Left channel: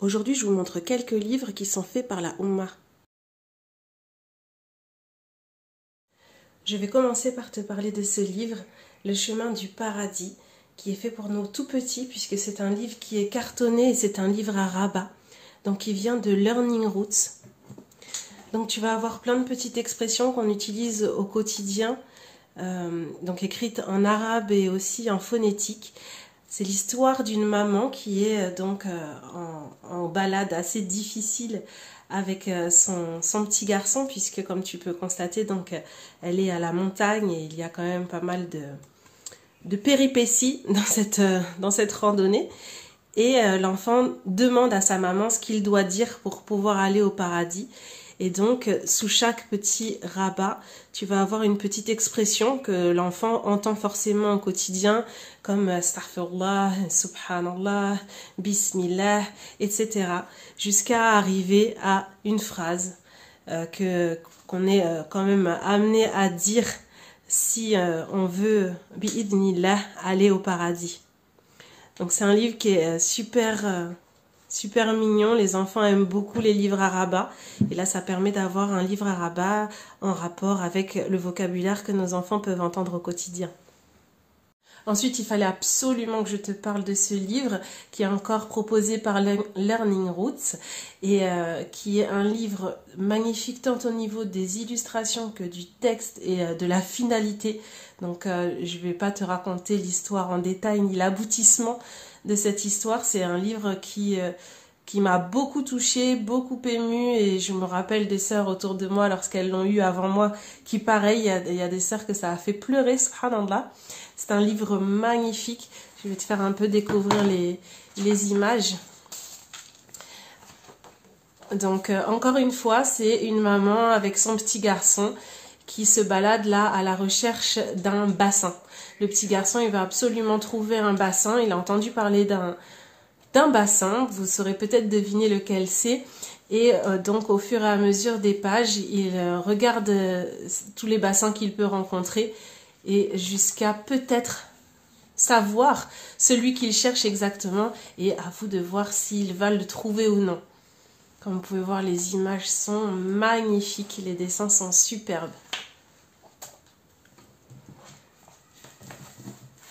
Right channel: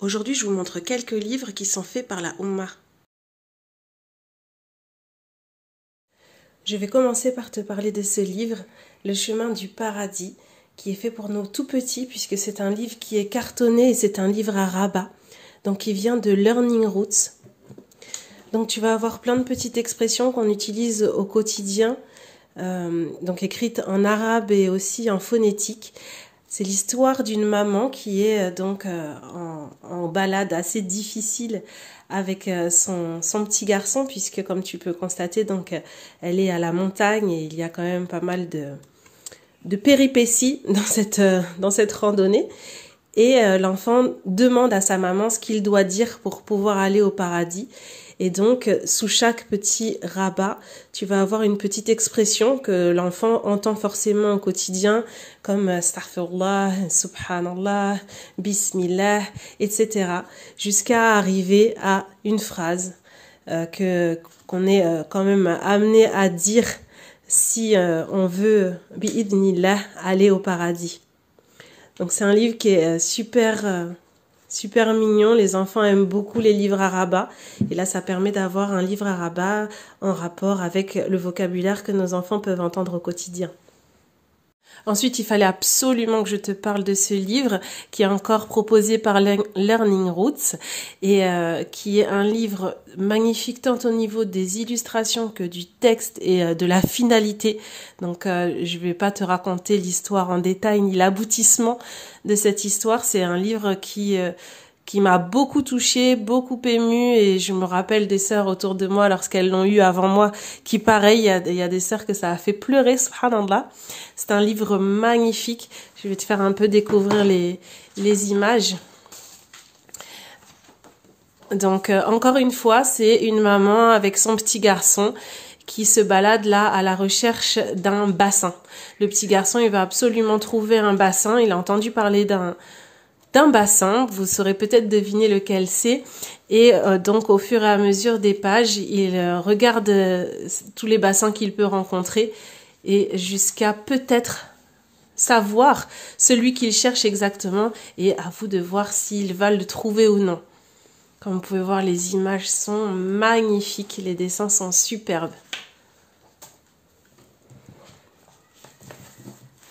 Aujourd'hui, je vous montre quelques livres qui sont faits par la Oumma. Je vais commencer par te parler de ce livre, Le chemin du paradis, qui est fait pour nos tout petits, puisque c'est un livre qui est cartonné et c'est un livre à rabat, donc qui vient de Learning Roots. Donc tu vas avoir plein de petites expressions qu'on utilise au quotidien, donc écrites en arabe et aussi en phonétique. C'est l'histoire d'une maman qui est en balade assez difficile avec son petit garçon, puisque comme tu peux constater, donc elle est à la montagne et il y a quand même pas mal de péripéties dans cette randonnée. Et l'enfant demande à sa maman ce qu'il doit dire pour pouvoir aller au paradis. Et donc, sous chaque petit rabat, tu vas avoir une petite expression que l'enfant entend forcément au quotidien, comme astaghfirullah, subhanallah, bismillah, etc. jusqu'à arriver à une phrase qu'on est quand même amené à dire si on veut, bi'idnillah, aller au paradis. Donc c'est un livre qui est super mignon, les enfants aiment beaucoup les livres à rabat et là ça permet d'avoir un livre à rabat en rapport avec le vocabulaire que nos enfants peuvent entendre au quotidien. Ensuite, il fallait absolument que je te parle de ce livre qui est encore proposé par Learning Roots et qui est un livre magnifique tant au niveau des illustrations que du texte et de la finalité. Donc, je vais pas te raconter l'histoire en détail ni l'aboutissement de cette histoire. C'est un livre qui m'a beaucoup touchée, beaucoup émue et je me rappelle des sœurs autour de moi lorsqu'elles l'ont eu avant moi qui pareil, il y a des sœurs que ça a fait pleurer, subhanallah. C'est un livre magnifique. Je vais te faire un peu découvrir les images. Donc encore une fois, c'est une maman avec son petit garçon qui se balade là à la recherche d'un bassin. Le petit garçon, il va absolument trouver un bassin. Il a entendu parler d'un bassin, vous saurez peut-être deviner lequel c'est, et donc au fur et à mesure des pages, il regarde tous les bassins qu'il peut rencontrer, et jusqu'à peut-être savoir celui qu'il cherche exactement, et à vous de voir s'il va le trouver ou non. Comme vous pouvez voir, les images sont magnifiques, les dessins sont superbes.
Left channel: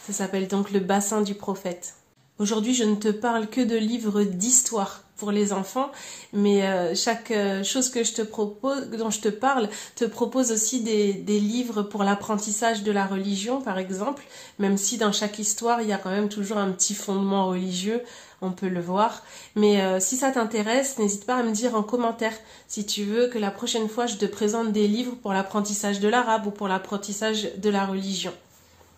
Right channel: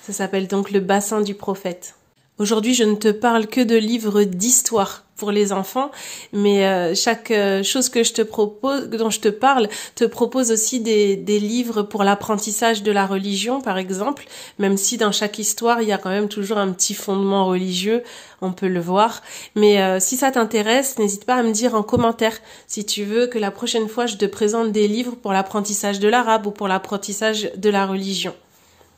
Ça s'appelle donc Le bassin du prophète. Aujourd'hui, je ne te parle que de livres d'histoire pour les enfants, mais chaque chose que je te propose, dont je te parle, te propose aussi des livres pour l'apprentissage de la religion, par exemple, même si dans chaque histoire, il y a quand même toujours un petit fondement religieux, on peut le voir. Mais si ça t'intéresse, n'hésite pas à me dire en commentaire si tu veux que la prochaine fois, je te présente des livres pour l'apprentissage de l'arabe ou pour l'apprentissage de la religion.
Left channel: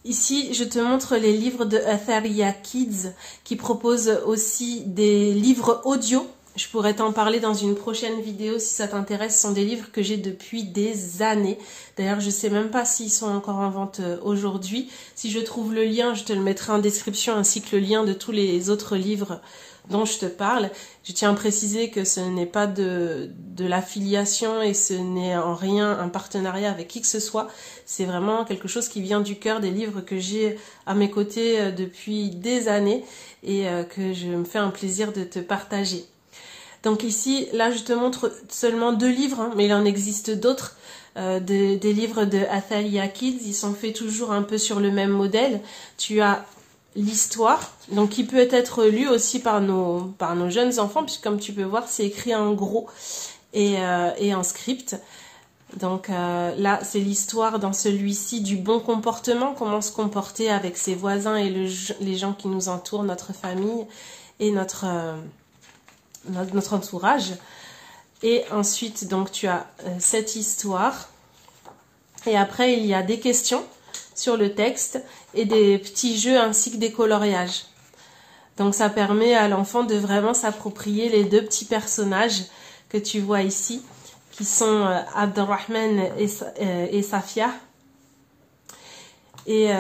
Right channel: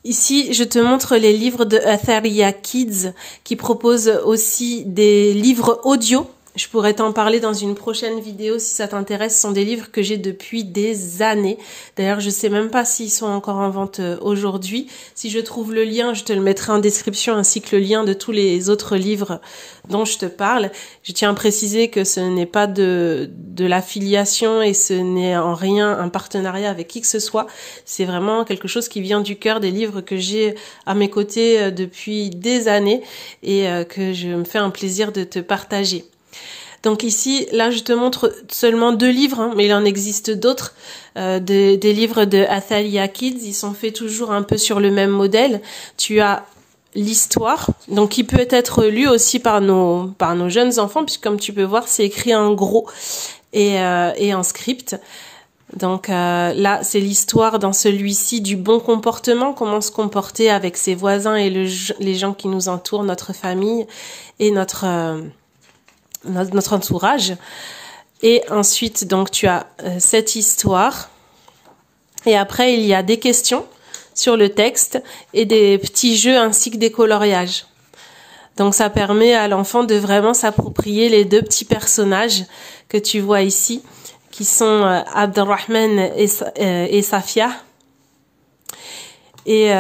Ici, je te montre les livres de Atharia Kids qui proposent aussi des livres audio. Je pourrais t'en parler dans une prochaine vidéo si ça t'intéresse. Ce sont des livres que j'ai depuis des années. D'ailleurs, je sais même pas s'ils sont encore en vente aujourd'hui. Si je trouve le lien, je te le mettrai en description ainsi que le lien de tous les autres livres dont je te parle. Je tiens à préciser que ce n'est pas de l'affiliation et ce n'est en rien un partenariat avec qui que ce soit. C'est vraiment quelque chose qui vient du cœur, des livres que j'ai à mes côtés depuis des années et que je me fais un plaisir de te partager. Donc ici, là, je te montre seulement 2 livres, hein, mais il en existe d'autres, des livres de Athalia Kids. Ils sont faits toujours un peu sur le même modèle. Tu as l'histoire, donc qui peut être lu aussi par nos jeunes enfants, puisque comme tu peux voir, c'est écrit en gros et en script. Donc là, c'est l'histoire dans celui-ci du bon comportement, comment se comporter avec ses voisins et les gens qui nous entourent, notre famille et notre entourage. Et ensuite, donc, tu as cette histoire. Et après, il y a des questions sur le texte et des petits jeux ainsi que des coloriages. Donc, ça permet à l'enfant de vraiment s'approprier les 2 petits personnages que tu vois ici, qui sont Abdelrahman et Safia. Et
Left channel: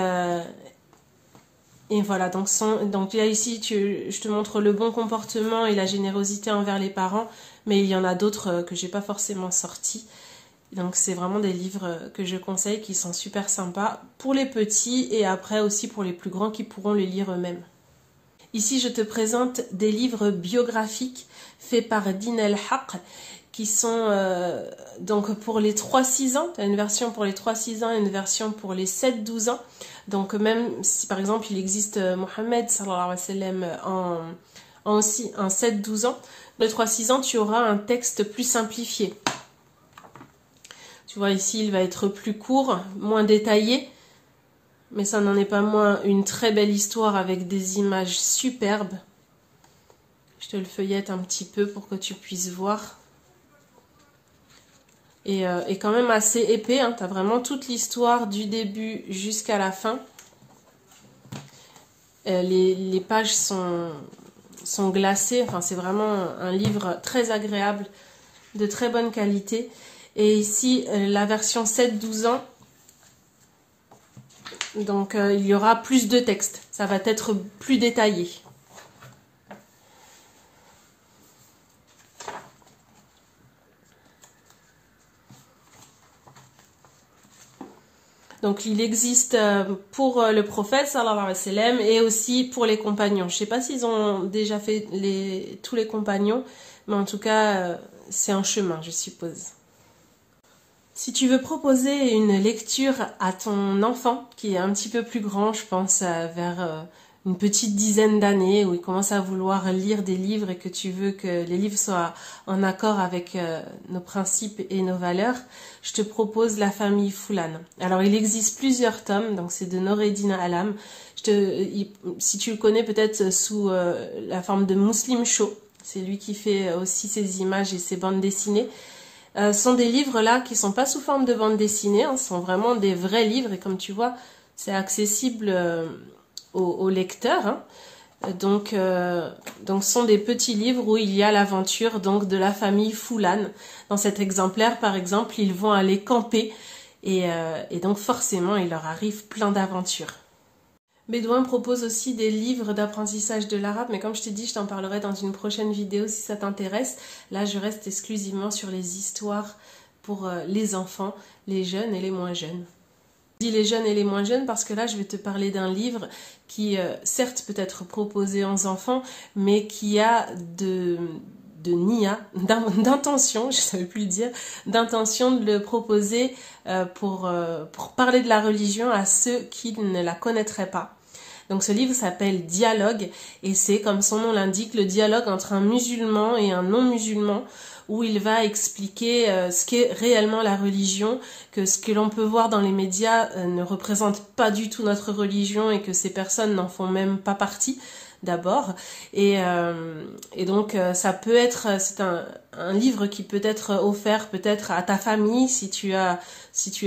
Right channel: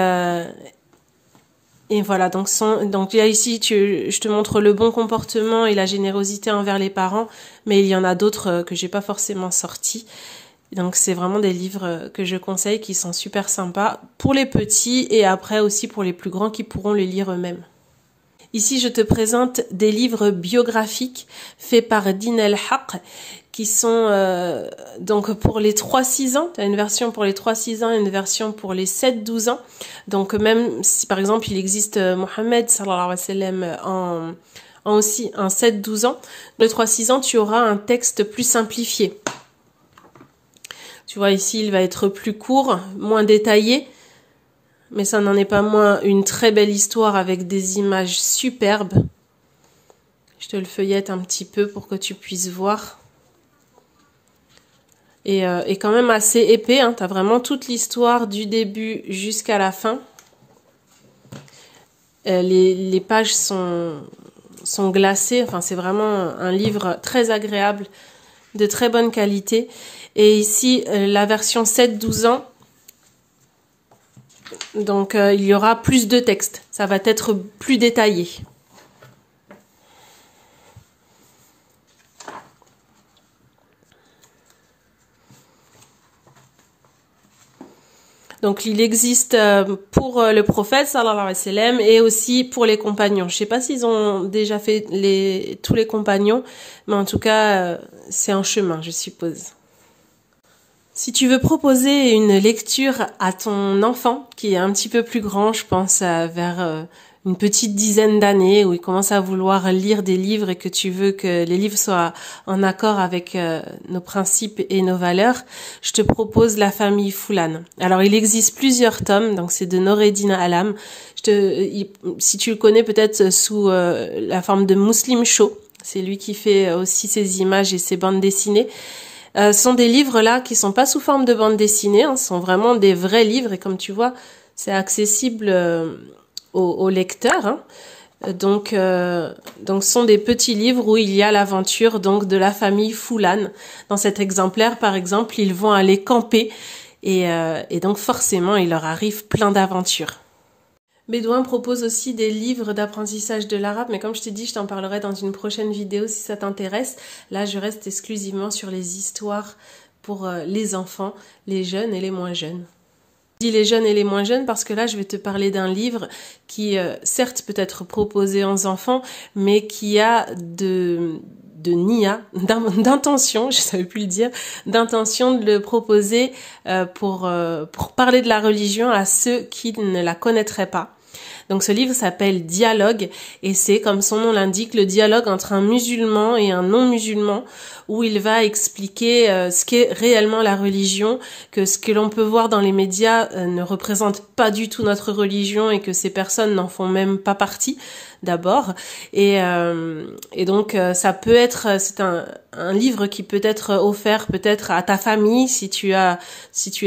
voilà, donc là ici, je te montre le bon comportement et la générosité envers les parents, mais il y en a d'autres que j'ai pas forcément sortis. Donc c'est vraiment des livres que je conseille qui sont super sympas pour les petits et après aussi pour les plus grands qui pourront les lire eux-mêmes. Ici, je te présente des livres biographiques faits par Din El Haq, qui sont donc pour les 3-6 ans. Tu as une version pour les 3-6 ans et une version pour les 7-12 ans. Donc même si par exemple il existe Mohammed sallallahu alayhi wa sallam en aussi un 7-12 ans, le 3-6 ans tu auras un texte plus simplifié. Tu vois ici il va être plus court, moins détaillé, mais ça n'en est pas moins une très belle histoire avec des images superbes. Je te le feuillette un petit peu pour que tu puisses voir. Et quand même assez épais, hein. Tu as vraiment toute l'histoire du début jusqu'à la fin. Les pages sont glacées, enfin c'est vraiment un livre très agréable, de très bonne qualité. Et ici, la version 7-12 ans, donc il y aura plus de texte, ça va être plus détaillé. Donc il existe pour le prophète sallallahu alayhi wa sallam et aussi pour les compagnons. Je sais pas s'ils ont déjà fait tous les compagnons, mais en tout cas c'est en chemin, je suppose. Si tu veux proposer une lecture à ton enfant qui est un petit peu plus grand, je pense vers une petite dizaine d'années, où il commence à vouloir lire des livres et que tu veux que les livres soient en accord avec nos principes et nos valeurs, je te propose La famille Foulane. Alors il existe plusieurs tomes, donc c'est de Noureddin Alam. Si tu le connais peut-être sous la forme de Muslim Show, c'est lui qui fait aussi ses images et ses bandes dessinées. Sont des livres là qui sont pas sous forme de bande dessinée, hein, sont vraiment des vrais livres et comme tu vois, c'est accessible aux lecteurs. Hein. Donc, ce sont des petits livres où il y a l'aventure donc de la famille Foulane. Dans cet exemplaire, par exemple, ils vont aller camper et donc forcément, il leur arrive plein d'aventures. Bédouin propose aussi des livres d'apprentissage de l'arabe, mais comme je t'ai dit, je t'en parlerai dans une prochaine vidéo si ça t'intéresse. Là, je reste exclusivement sur les histoires pour les enfants, les jeunes et les moins jeunes. Je dis les jeunes et les moins jeunes parce que là, je vais te parler d'un livre qui, certes, peut être proposé aux enfants, mais qui a d'intention, je savais plus le dire, d'intention de le proposer pour parler de la religion à ceux qui ne la connaîtraient pas. Donc ce livre s'appelle Dialogue et c'est, comme son nom l'indique, le dialogue entre un musulman et un non-musulman, où il va expliquer ce qu'est réellement la religion, que ce que l'on peut voir dans les médias ne représente pas du tout notre religion et que ces personnes n'en font même pas partie d'abord. Et donc ça peut être, c'est un livre qui peut être offert peut-être à ta famille si tu es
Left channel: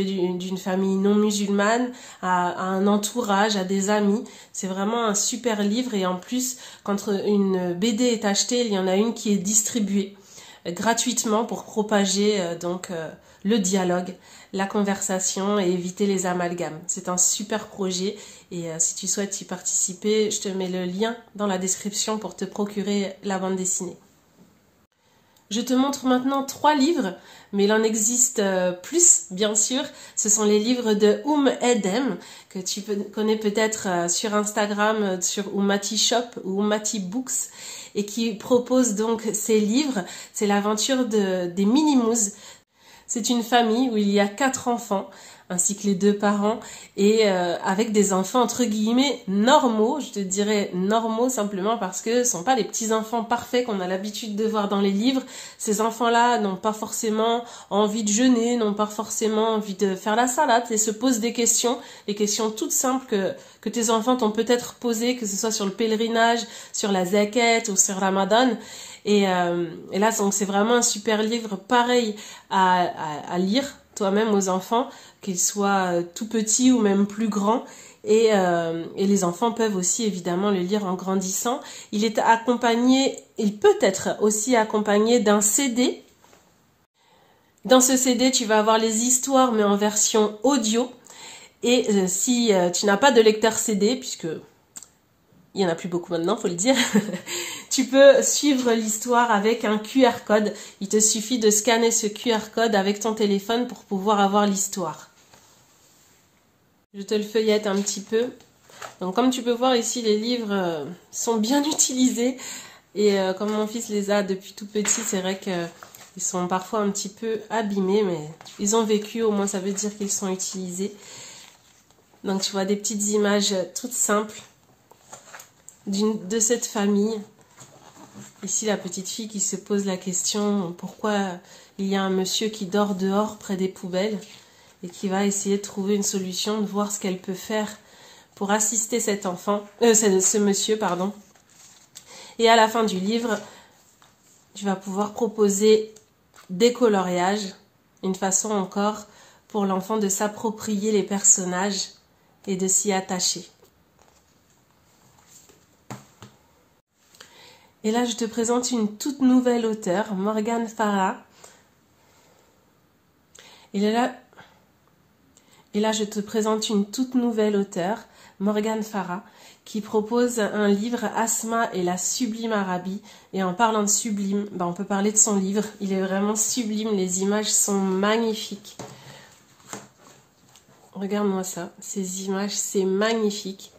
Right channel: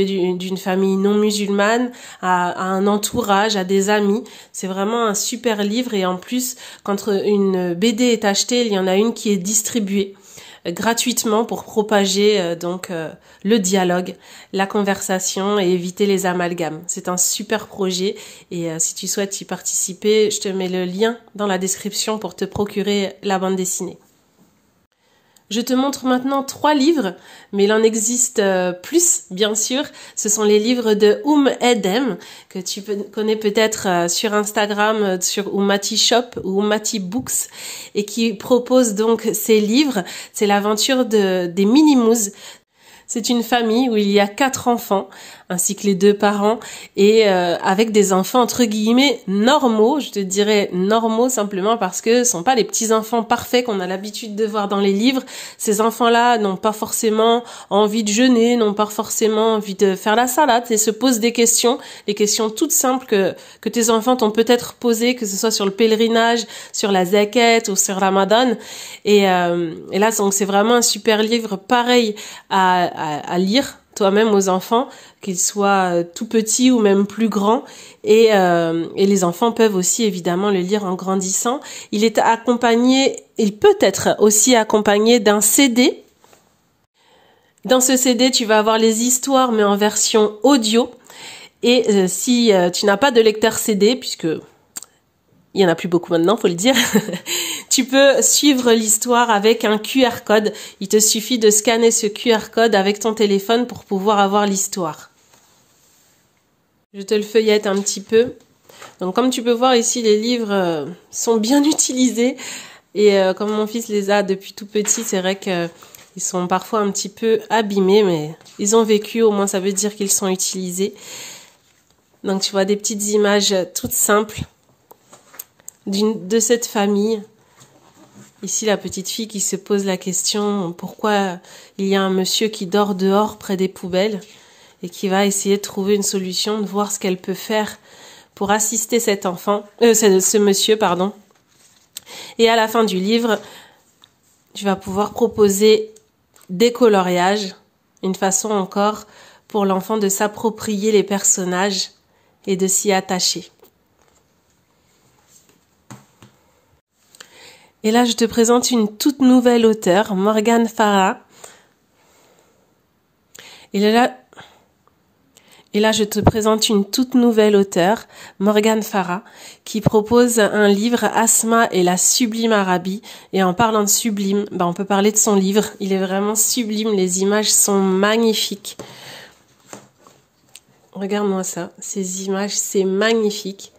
d'une famille non musulmane, à un entourage, à des amis. C'est vraiment un super livre et en plus quand une BD est achetée, il y en a une qui est distribuée gratuitement pour propager le dialogue, la conversation et éviter les amalgames. C'est un super projet et si tu souhaites y participer, je te mets le lien dans la description pour te procurer la bande dessinée. Je te montre maintenant 3 livres, mais il en existe plus, bien sûr. Ce sont les livres de Edem, que tu connais peut-être sur Instagram, sur Ummati Shop ou Ummati Books, et qui propose donc ces livres. C'est l'aventure des Minimouz. C'est une famille où il y a 4 enfants, ainsi que les 2 parents, et avec des enfants entre guillemets normaux. Je te dirais normaux simplement parce que ce sont pas les petits enfants parfaits qu'on a l'habitude de voir dans les livres. Ces enfants-là n'ont pas forcément envie de jeûner, n'ont pas forcément envie de faire la salade et se posent des questions toutes simples que tes enfants t'ont peut-être posées, que ce soit sur le pèlerinage, sur la zakat ou sur Ramadan. Et là, donc c'est vraiment un super livre, pareil à lire toi-même aux enfants, qu'ils soient tout petits ou même plus grands. Et les enfants peuvent aussi évidemment le lire en grandissant. Il peut être aussi accompagné d'un CD. Dans ce CD, tu vas avoir les histoires, mais en version audio. Et si tu n'as pas de lecteur CD, puisque il y en a plus beaucoup maintenant, faut le dire, tu peux suivre l'histoire avec un QR code. Il te suffit de scanner ce QR code avec ton téléphone pour pouvoir avoir l'histoire. Je te le feuillette un petit peu. Donc comme tu peux voir ici, les livres sont bien utilisés. Et comme mon fils les a depuis tout petit, c'est vrai qu'ils sont parfois un petit peu abîmés, mais ils ont vécu, au moins ça veut dire qu'ils sont utilisés. Donc tu vois des petites images toutes simples de cette famille. Ici, la petite fille qui se pose la question pourquoi il y a un monsieur qui dort dehors près des poubelles et qui va essayer de trouver une solution, de voir ce qu'elle peut faire pour assister cet enfant, ce monsieur, pardon. Et à la fin du livre, tu vas pouvoir proposer des coloriages, une façon encore pour l'enfant de s'approprier les personnages et de s'y attacher. Et là, je te présente une toute nouvelle auteure, Morgane Farah. Et là, je te présente une toute nouvelle auteure, Morgane Farah, qui propose un livre, Asma et la sublime Arabie. Et en parlant de sublime, on peut parler de son livre. Il est vraiment sublime, les images sont magnifiques. Regarde-moi ça, ces images, c'est magnifique.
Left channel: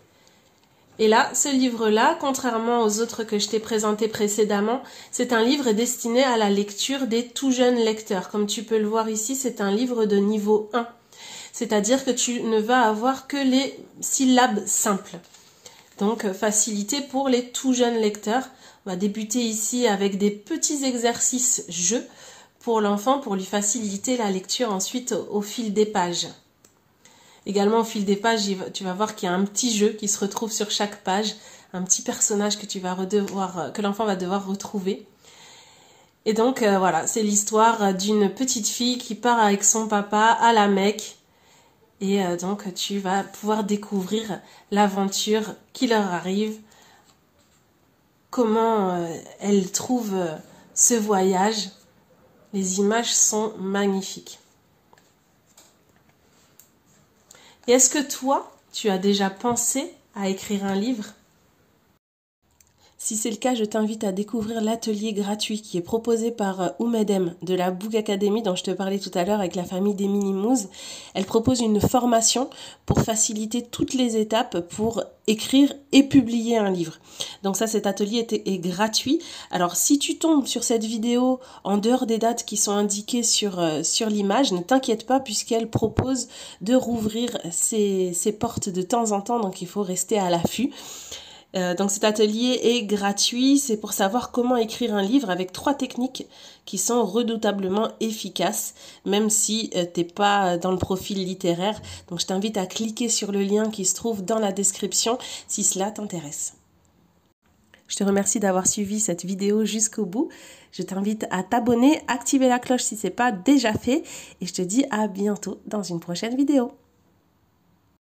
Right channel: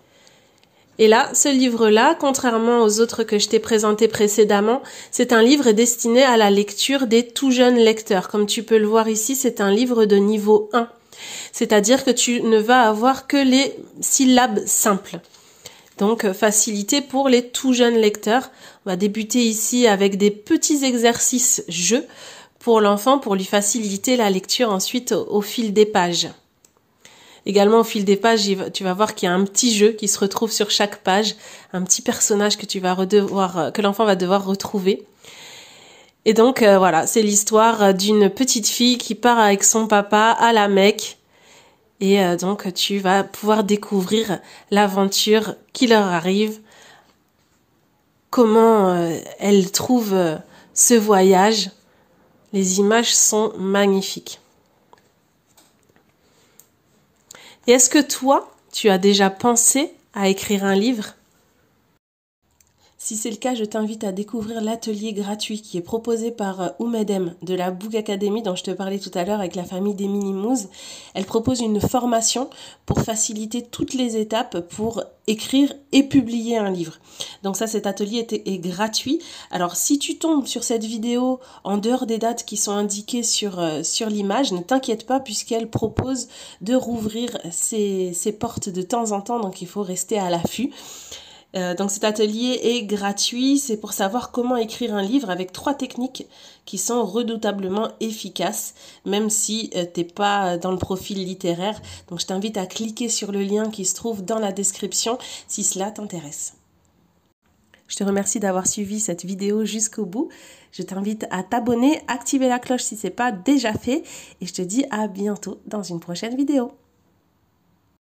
Et là, ce livre-là, contrairement aux autres que je t'ai présentés précédemment, c'est un livre destiné à la lecture des tout jeunes lecteurs. Comme tu peux le voir ici, c'est un livre de niveau 1. C'est-à-dire que tu ne vas avoir que les syllabes simples. Donc, facilité pour les tout jeunes lecteurs. On va débuter ici avec des petits exercices jeux pour l'enfant, pour lui faciliter la lecture ensuite au fil des pages. Également, au fil des pages, tu vas voir qu'il y a un petit jeu qui se retrouve sur chaque page, un petit personnage que l'enfant va devoir retrouver. Et donc, voilà, c'est l'histoire d'une petite fille qui part avec son papa à la Mecque. Et donc, tu vas pouvoir découvrir l'aventure qui leur arrive, comment elle trouve ce voyage. Les images sont magnifiques. Et est-ce que toi, tu as déjà pensé à écrire un livre ? Si c'est le cas, je t'invite à découvrir l'atelier gratuit qui est proposé par Oumedem de la Book Academy dont je te parlais tout à l'heure avec la famille des Minimouz. Elle propose une formation pour faciliter toutes les étapes pour écrire et publier un livre. Donc ça, cet atelier est gratuit. Alors si tu tombes sur cette vidéo en dehors des dates qui sont indiquées sur l'image, ne t'inquiète pas puisqu'elle propose de rouvrir ses portes de temps en temps, donc il faut rester à l'affût. Donc cet atelier est gratuit, c'est pour savoir comment écrire un livre avec 3 techniques qui sont redoutablement efficaces, même si t'es pas dans le profil littéraire. Donc je t'invite à cliquer sur le lien qui se trouve dans la description si cela t'intéresse. Je te remercie d'avoir suivi cette vidéo jusqu'au bout. Je t'invite à t'abonner, activer la cloche si ce n'est pas déjà fait et je te dis à bientôt dans une prochaine vidéo.